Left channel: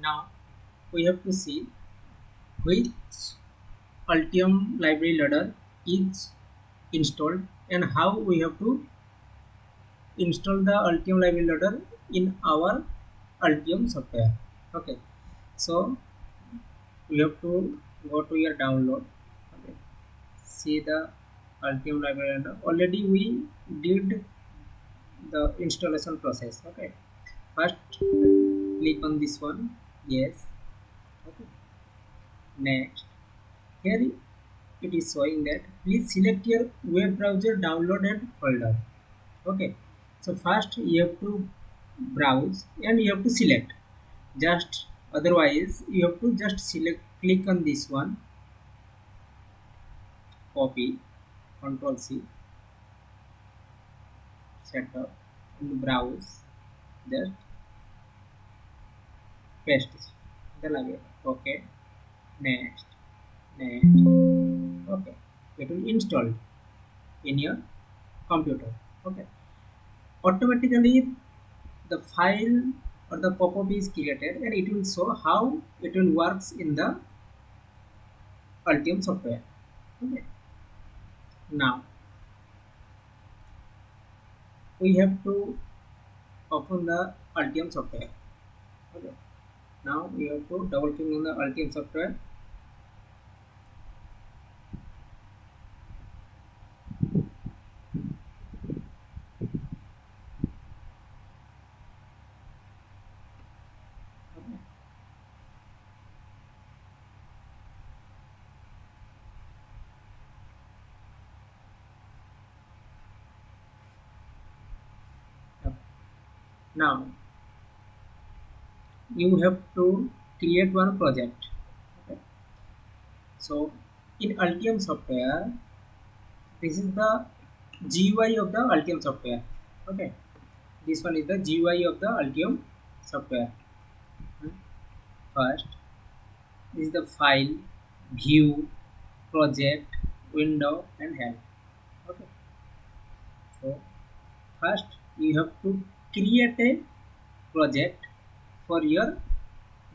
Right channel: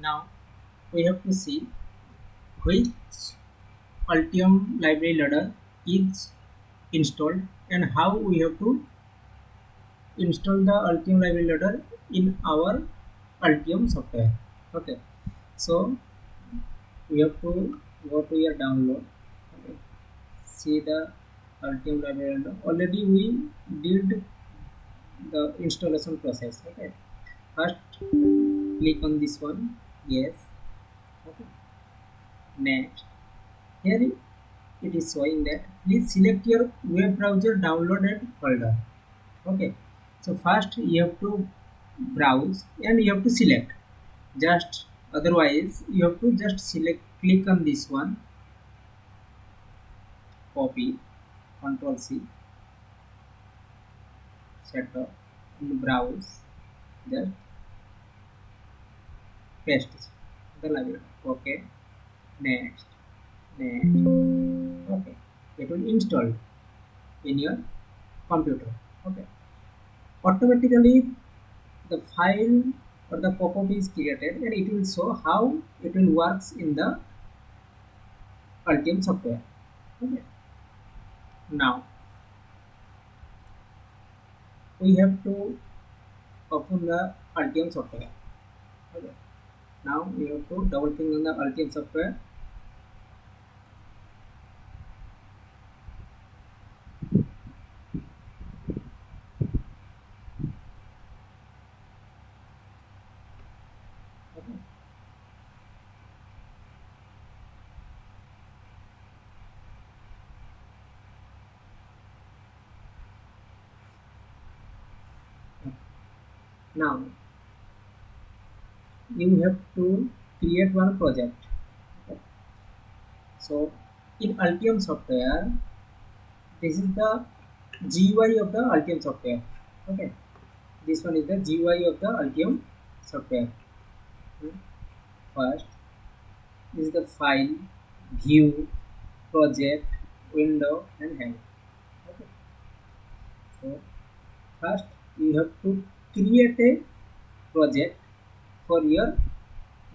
Now we have to see which Altium library loader is installed and how we have to install the Altium library loader in our Altium software. Okay, so we have to go to your download. Okay, see the Altium library loader. Already we did the installation process. Okay, first click on this one. Yes. Okay. Next, here it is showing that please select your web browser downloaded folder. Okay, so first you have to browse and you have to select, just otherwise you have to just select, click on this one, copy, control C, setup, and browse, just paste the library. Okay, next, next. Okay, it will install in your computer. Okay, automatically the file or the pop-up is created and it will show how it will works in the Altium software. Okay, now we have to open the Altium software. Okay, now we have to double click on the Altium software. Okay. Okay. Now you have to create one project. Okay. So in Altium software, this is the GUI of the Altium software. Okay, this one is the GUI of the Altium software. Hmm. First, this is the file, view, project, window, and help. Okay, so first you have to create a project for your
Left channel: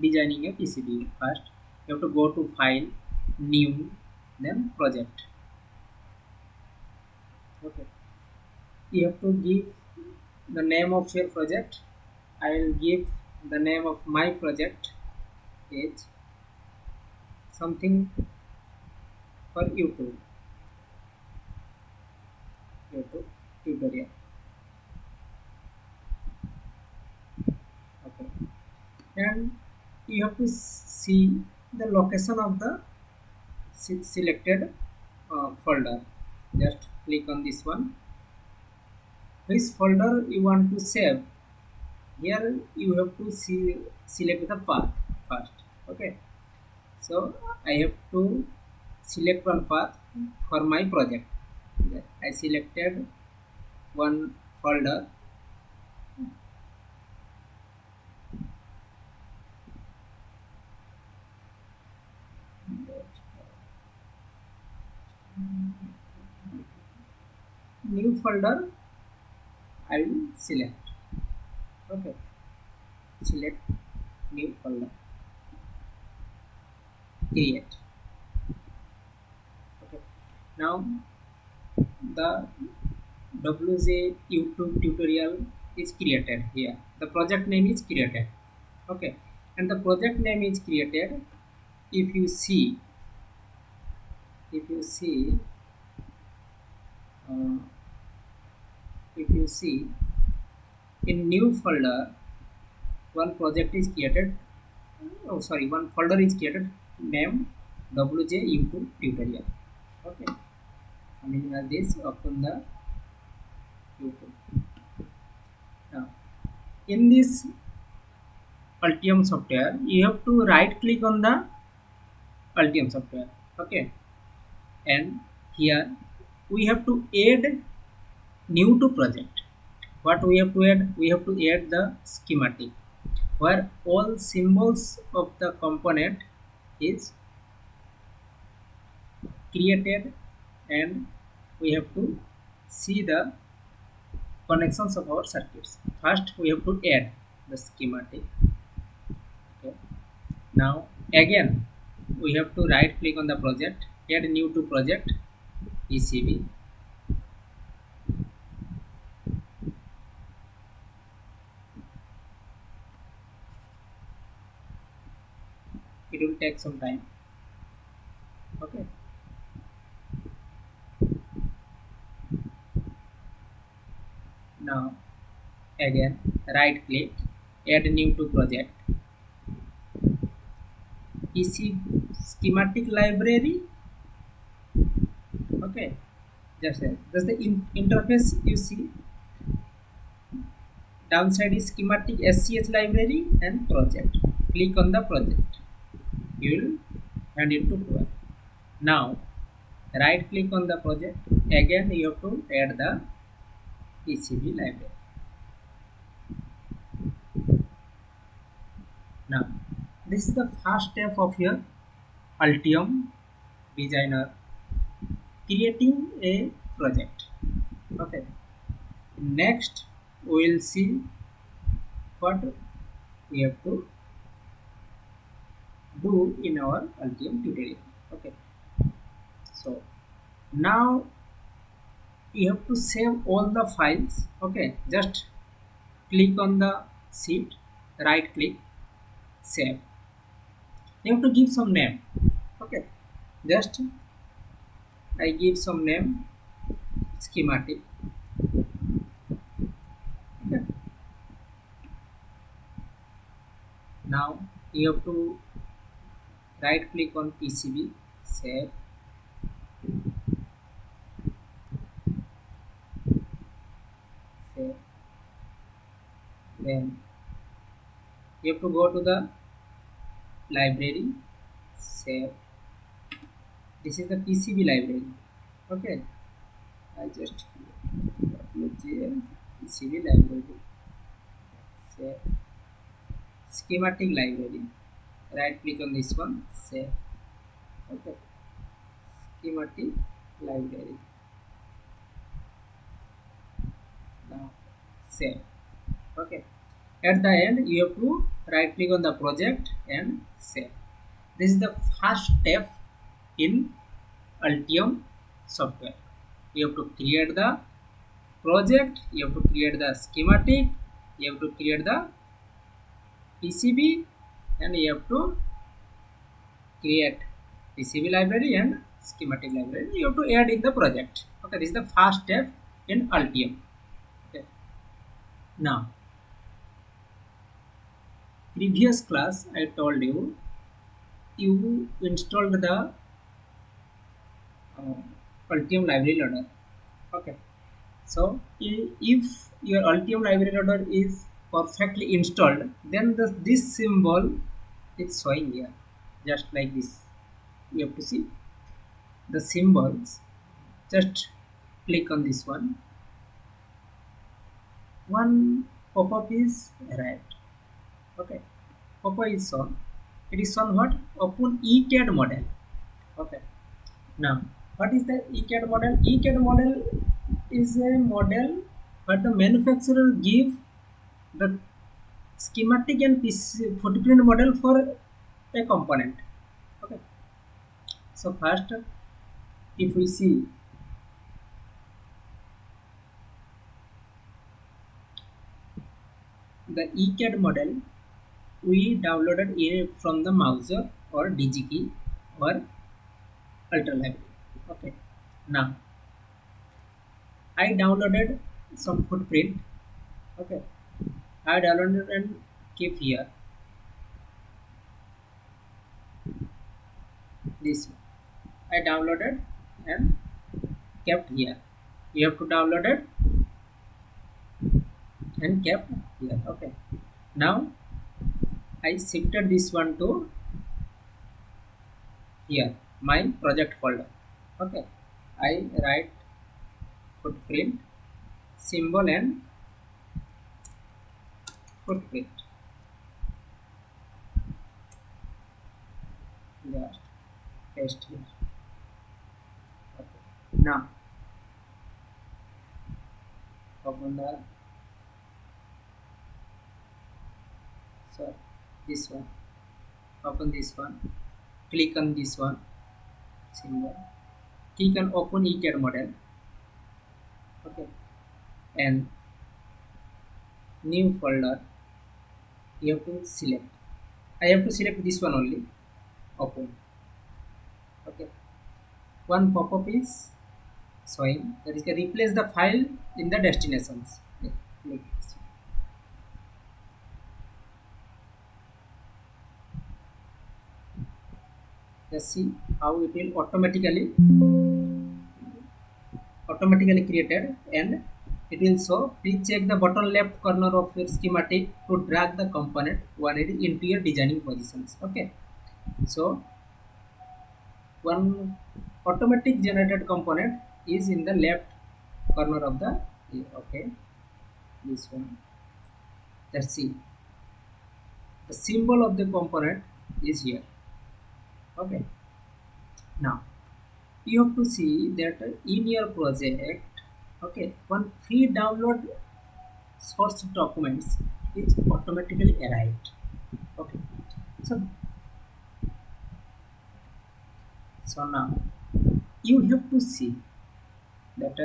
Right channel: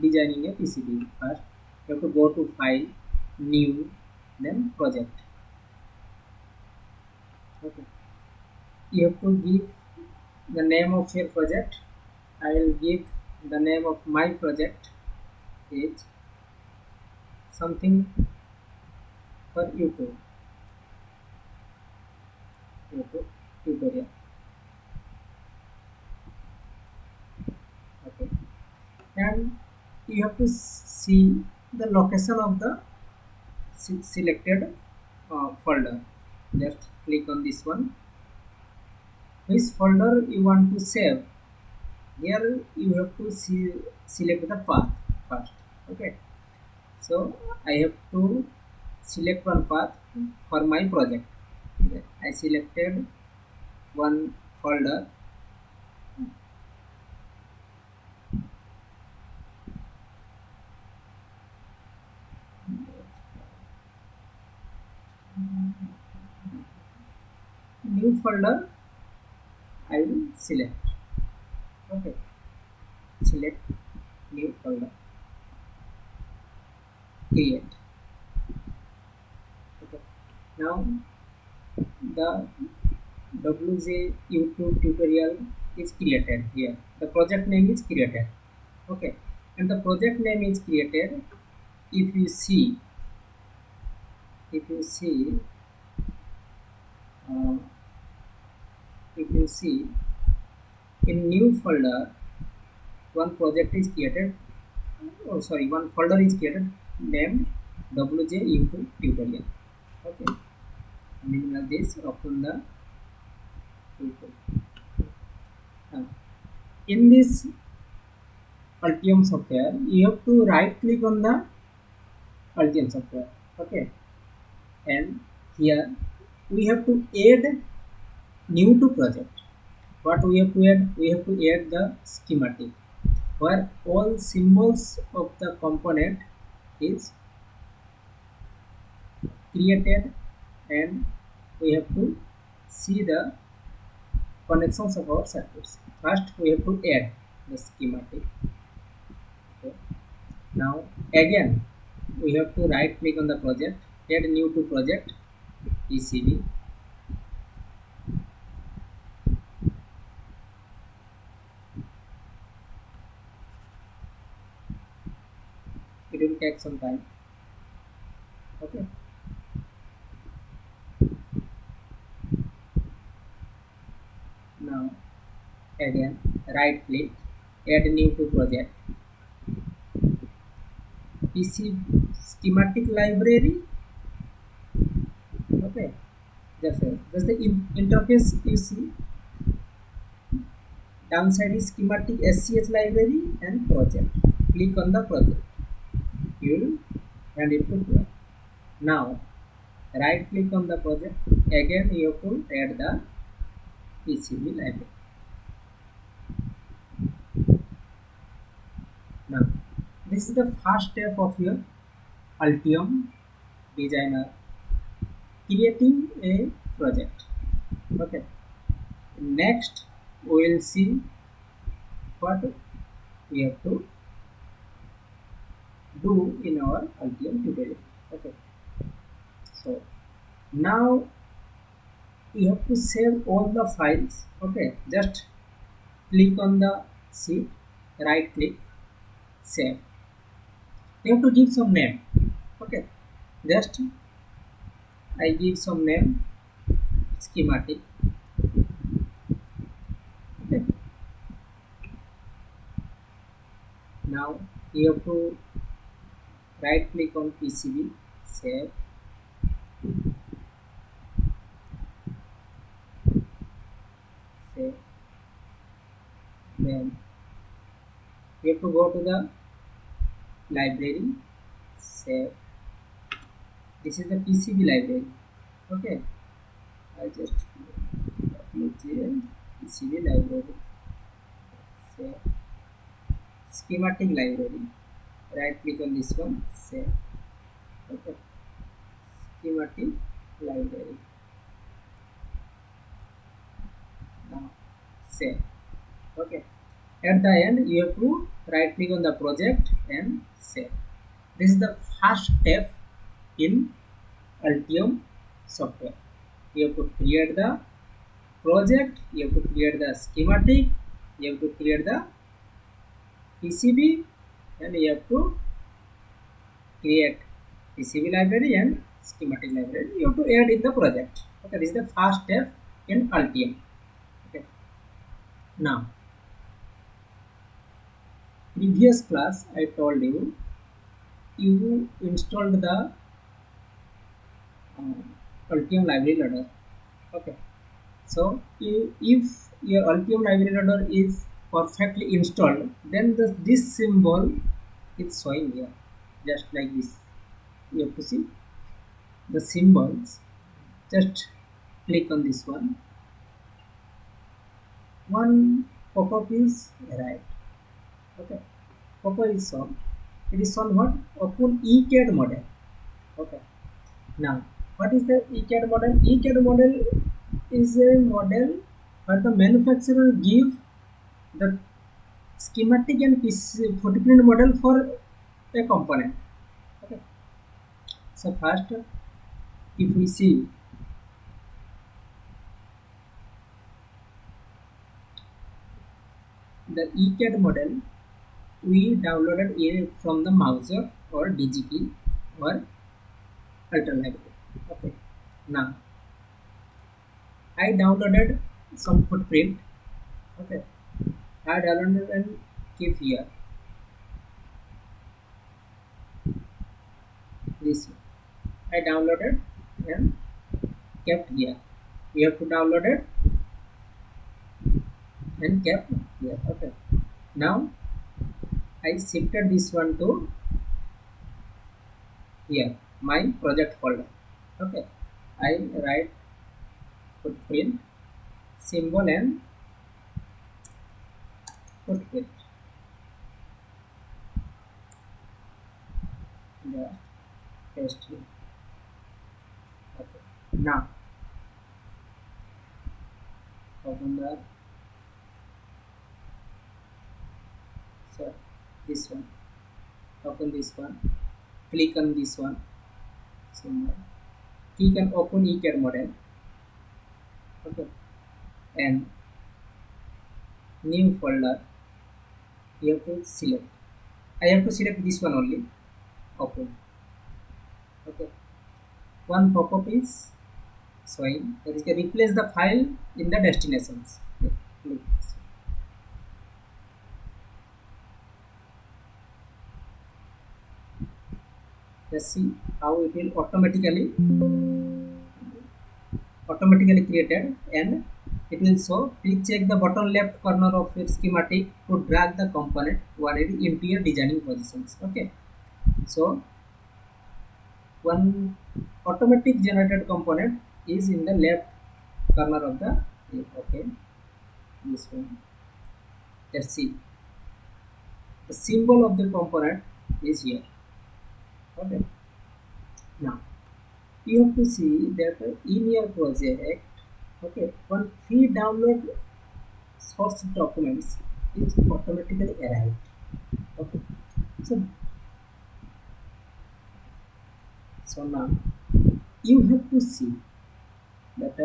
designing a PCB. First you have to go to file, new, then project. Okay, you have to give the name of your project. I will give the name of my project is something for YouTube tutorial. Okay, and you have to see the location of the selected folder. Just click on this one, which folder you want to save. Here you have to select the path first. Okay, so I have to select one path for my project. Okay, I selected one folder. New folder I will select. Okay, select new folder, create. Okay, now the WJ YouTube tutorial is created. Here the project name is created. Okay, and the project name is created. If you see, if you see uh, if you see in new folder, one project is created. Oh sorry, one folder is created named WJ YouTube tutorial. Okay, minimize this, open the YouTube. Now in this Altium software you have to right click on the Altium software. Okay, and here we have to add new to project. What we have to add? We have to add the schematic where all symbols of the component is created, and we have to see the connections of our circuits. First we have to add the schematic. Okay, Now again we have to right click on the project, add new to project, PCB. It will take some time. Okay. Now again right click, add new to project, PC schematic library. Okay, just the interface you see. Downside is schematic SCH library and project. Click on the project. You will hand it to Pro. Now right click on the project. Again you have to add the PCB library. Now this is the first step of your Altium Designer creating a project. Okay. Next we will see what we have to do in our Altium tutorial. Okay. So now you have to save all the files. Okay, just click on the sheet, right click, save. You have to give some name. Okay, just I give some name, schematic. Okay, now you have to right click on PCB, save, save. Then you have to go to the library, save. This is the PCB library. Okay, I just WGL PCB library, save. Schematic library, right click on this one, save. Okay, schematic library, now save. Okay, at the end you have to right click on the project and save. This is the first step in Altium software. You have to create the project, you have to create the schematic, you have to create the PCB, and you have to create PCB library and schematic library. You have to add in the project. Okay, this is the first step in Altium. Okay, now previous class I told you you installed the Altium library loader. Okay, so if your Altium library loader is perfectly installed, then this symbol is showing here, just like this. You have to see the symbols. Just click on this one. One pop-up is arrived. Okay, pop-up is shown. It is shown what? Open ECAD model. Okay, now what is the ECAD model? ECAD model is a model where the manufacturer give the schematic and footprint model for a component. Okay, so first if we see the ECAD model, we downloaded it from the Mouser or DigiKey or Ultra Library. Okay, now I downloaded some footprint. Okay, I downloaded and keep here. This I downloaded and kept here. You have to download it and kept here. Okay, now I shifted this one to here, my project folder. Okay, I write footprint symbol and footprint, just paste here. Okay, now open the, so this one, Open this one, click on this one symbol, click on open ECAD model. Okay, and new folder you have to select. I have to select this one only. Open. Okay, one pop-up is showing, that is replace the file in the destinations. Okay, click this one. Just see how it will automatically created, and it will show, please check the bottom left corner of your schematic to drag the component wanted into your designing positions. Okay, so one automatic generated component is in the left corner of the, okay, this one. Let's see, the symbol of the component is here. Okay, now you have to see that in your project, okay, one free download source documents is automatically arrived. Okay, so now you have to see that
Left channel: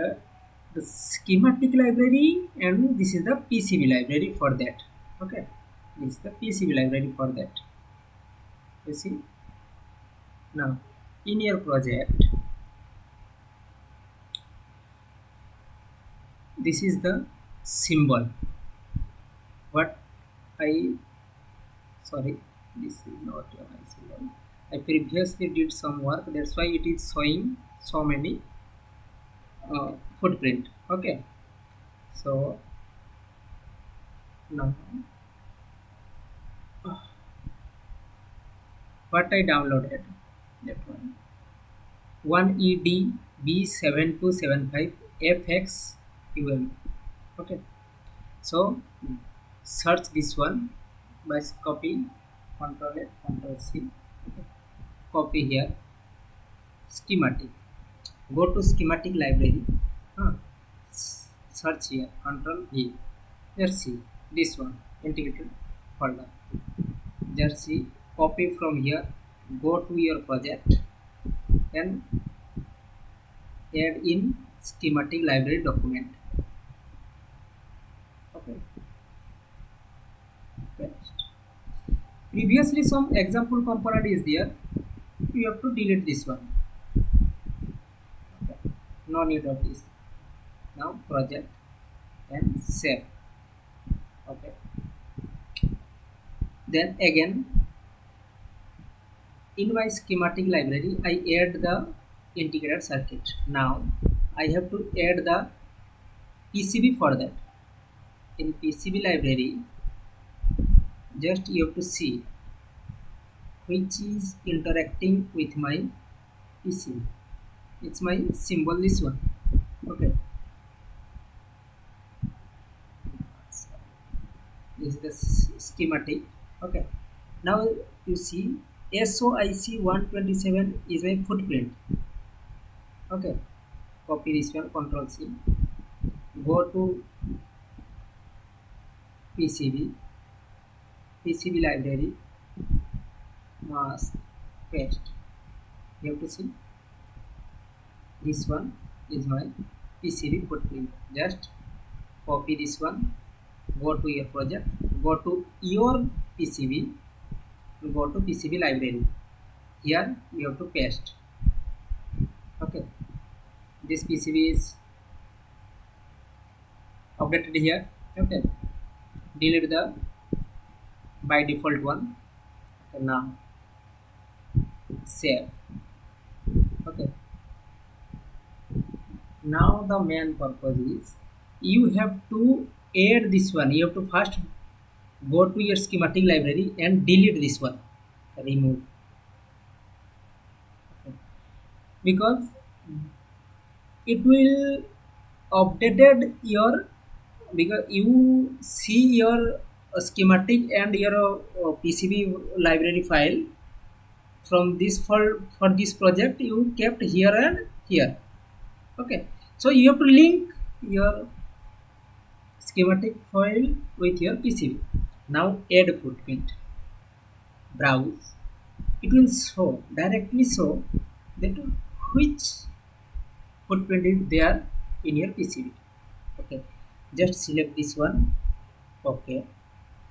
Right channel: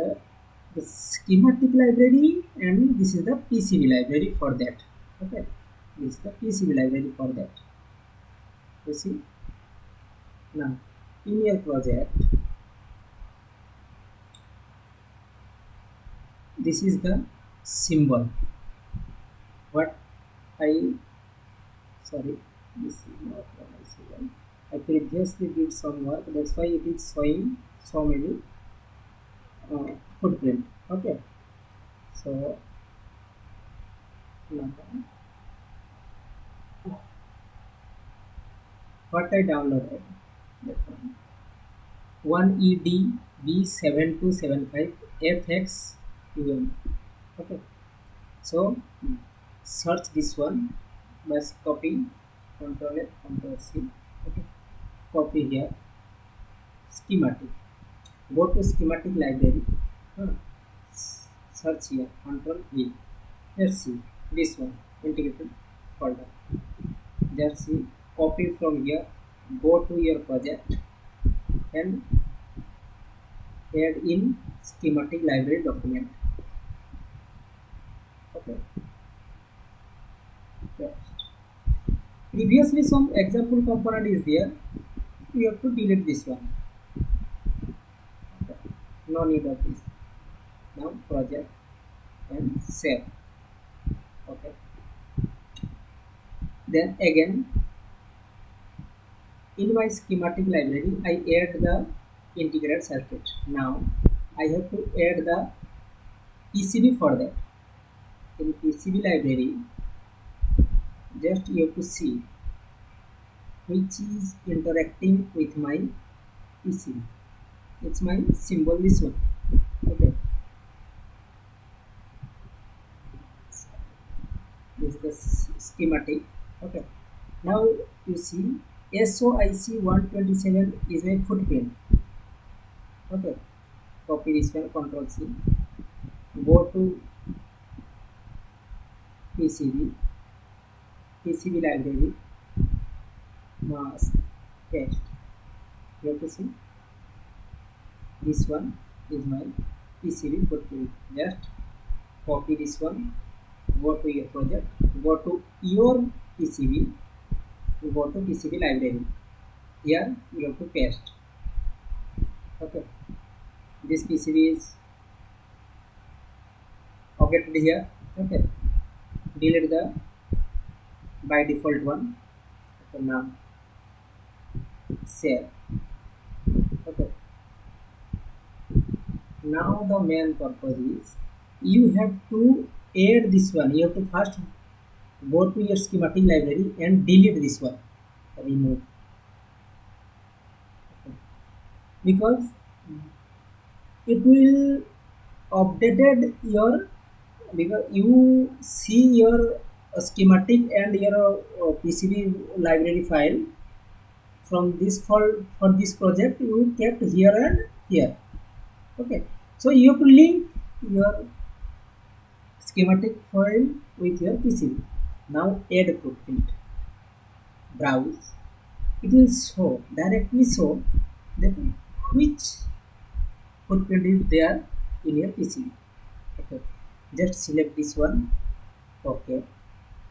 the schematic library, and this is the PCB library for that. Okay, this is the PCB library for that. You see, now in your project, this is the symbol what I, sorry, this is not what I symbol. I previously did some work, that's why it is showing so many footprint. Okay, so now what I downloaded, that one EDB7275 FXUM. Okay, so search this one by copy, Control A, Control C. Okay, copy here, schematic, go to schematic library, search here, Control V. Let's see this one, integrated folder. Just see, copy from here, go to your project and add in schematic library document. Okay, paste. Previously some example component is there, you have to delete this one. Okay, no need of this. Now project and save. Okay, then again in my schematic library I add the integrated circuit. Now I have to add the PCB for that. In PCB library, just you have to see which is interacting with my PCB. It's my symbol, this one. Okay, this is the schematic. Okay, now you see SOIC 127 is my footprint. Okay, copy this one, Control C, go to PCB library, mask, paste. You have to see this one is my PCB footprint. Just copy this one, go to your project, go to your PCB, go to PCB library. Here you have to paste. Okay, this PCB is updated here. Okay, delete the by default one. Okay, now save. Okay, now the main purpose is you have to add this one. You have to first go to your schematic library and delete this one, remove. Okay, because it will updated your, because you see your schematic and your PCB library file from this for this project you kept here and here. Okay, so you have to link your schematic file with your PCB. Now add footprint, browse, it will show directly show that which footprint is there in your PCB. Okay, just select this one. Okay,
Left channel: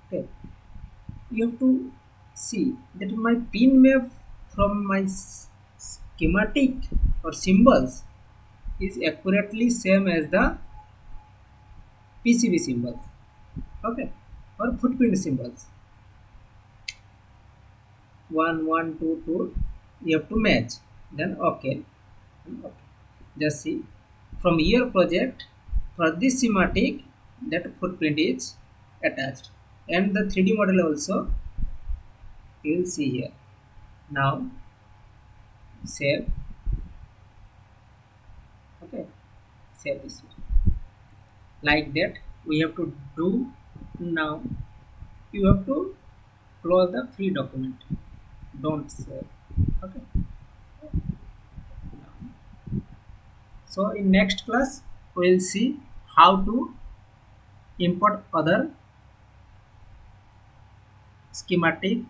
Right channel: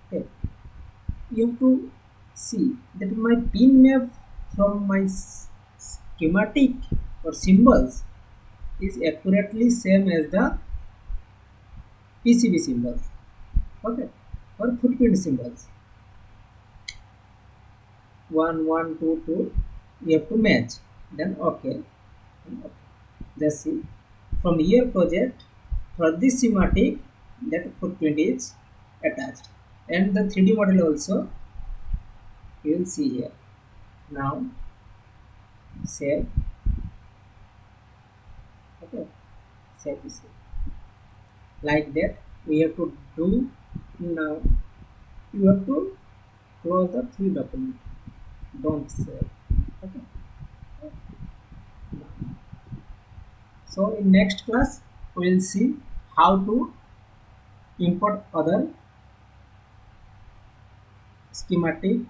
okay, you have to see that my pin map from my schematic or symbols is accurately same as the PCB symbols. Okay, or footprint symbols. 1 1 2 2, you have to match, then okay. Okay, just see from your project for this schematic that footprint is attached, and the 3D model also you will see here. Now save. Okay, save this way. Like that we have to do. Now you have to close the free document, don't save. Okay, so in next class we will see how to import other schematic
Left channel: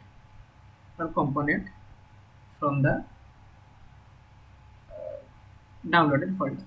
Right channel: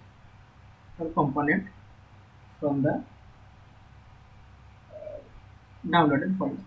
or component from the downloaded folder.